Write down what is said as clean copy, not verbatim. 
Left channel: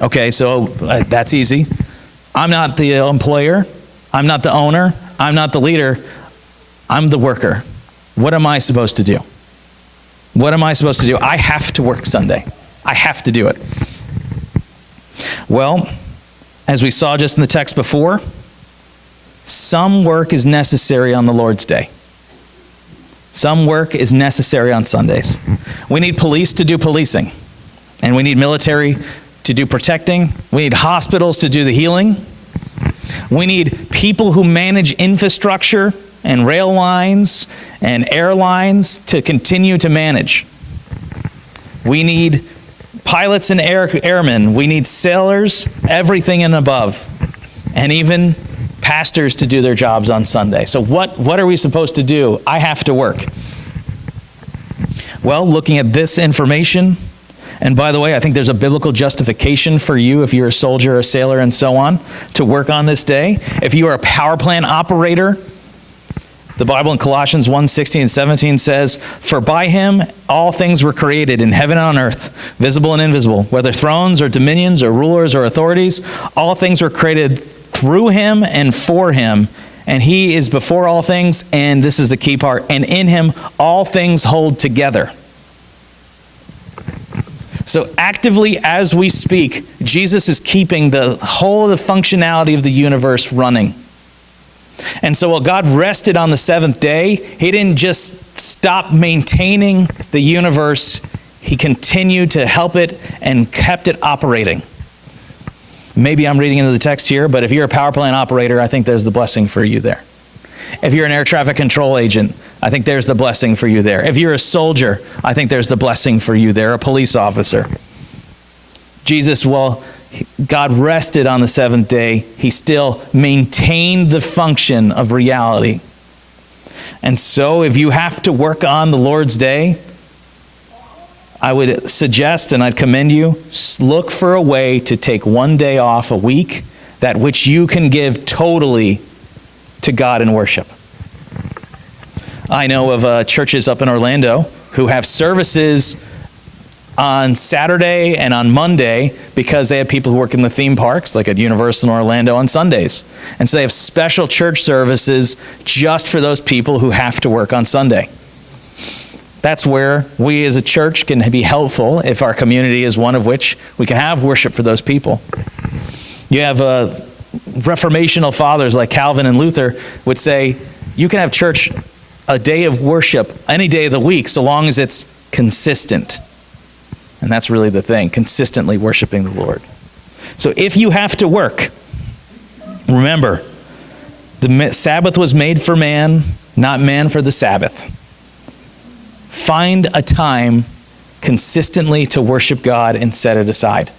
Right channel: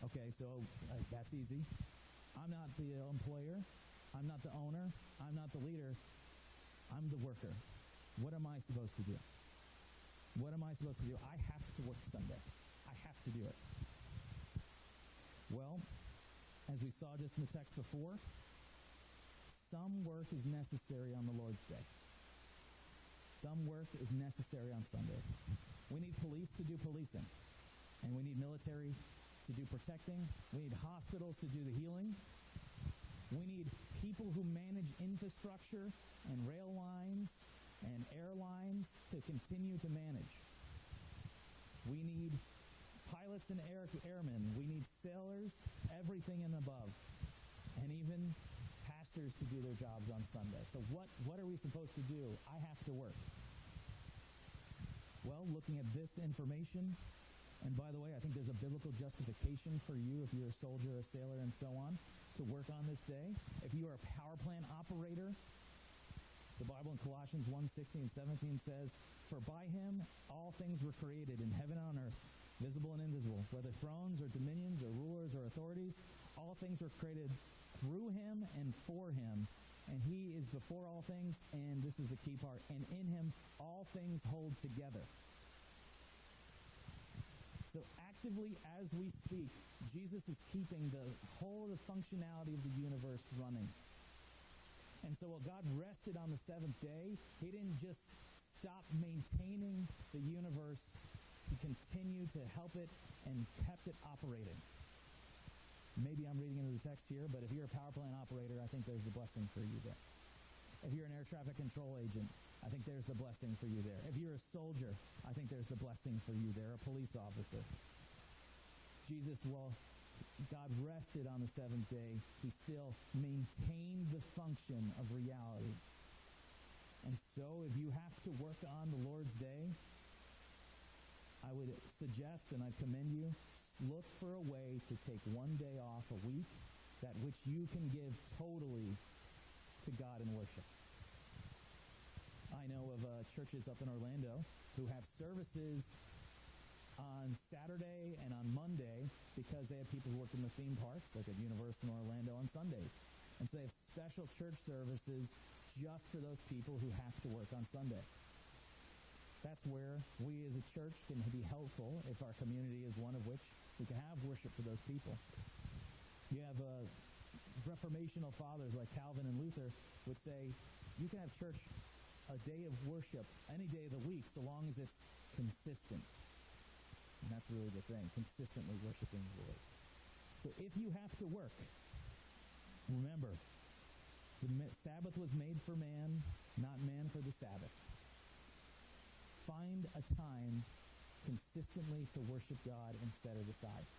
Okay, so that's easy. I'm not the employer. I'm not the owner. I'm not the leader. I'm the worker. What am I supposed to do? What am I supposed to do? I have to work Sunday. I have to do it. Well, as we saw just in the text before, some work is necessary on the Lord's Day. Some work is necessary on Sundays. We need police to do policing, and we need military to do protecting. We need hospitals to do the healing. We need people who manage infrastructure and rail lines and airlines to continue to manage. We need pilots and airmen. We need sailors, everything and above, and even pastors to do their jobs on Sunday. So what are we supposed to do? I have to work. Well, looking at this information, and by the way, I think there's a biblical justification for you if you're a soldier, a sailor, and so on, to work on this day. If you are a power plant operator, the Bible in Colossians 1:16 and 17 says, "For by him all things were created in heaven and on earth, visible and invisible, whether thrones or dominions or rulers or authorities, all things were created through him and for him, and he is before all things," and this is the key part, "and in him all things hold together." So actively as we speak, Jesus is keeping the whole of the functionality of the universe running. And so while God rested on the seventh day, he didn't just stop maintaining the universe. He continued to help it and kept it operating. Maybe I'm reading into the text here, but if you're a power plant operator, I think there's the blessing for you there. If you're an air traffic control agent, I think there's the blessing for you there. If you're a soldier, I think there's the blessing for you there, a police officer. Jesus, well, God rested on the seventh day. He still maintained the function of reality. And so if you have to work on the Lord's Day, I would suggest, and I'd commend you, look for a way to take one day off a week, that which you can give totally to God in worship. I know of churches up in Orlando who have services on Saturday and on Monday because they have people who work in the theme parks, like at Universal in Orlando, on Sundays. And so they have special church services just for those people who have to work on Sunday. That's where we as a church can be helpful if our community is one of which we can have worship for those people. You have reformational fathers like Calvin and Luther would say, you can have church a day of worship any day of the week so long as it's consistent. And that's really the thing, consistently worshiping the Lord. So if you have to work, remember, the Sabbath was made for man, not man for the Sabbath. Find a time consistently to worship God and set it aside.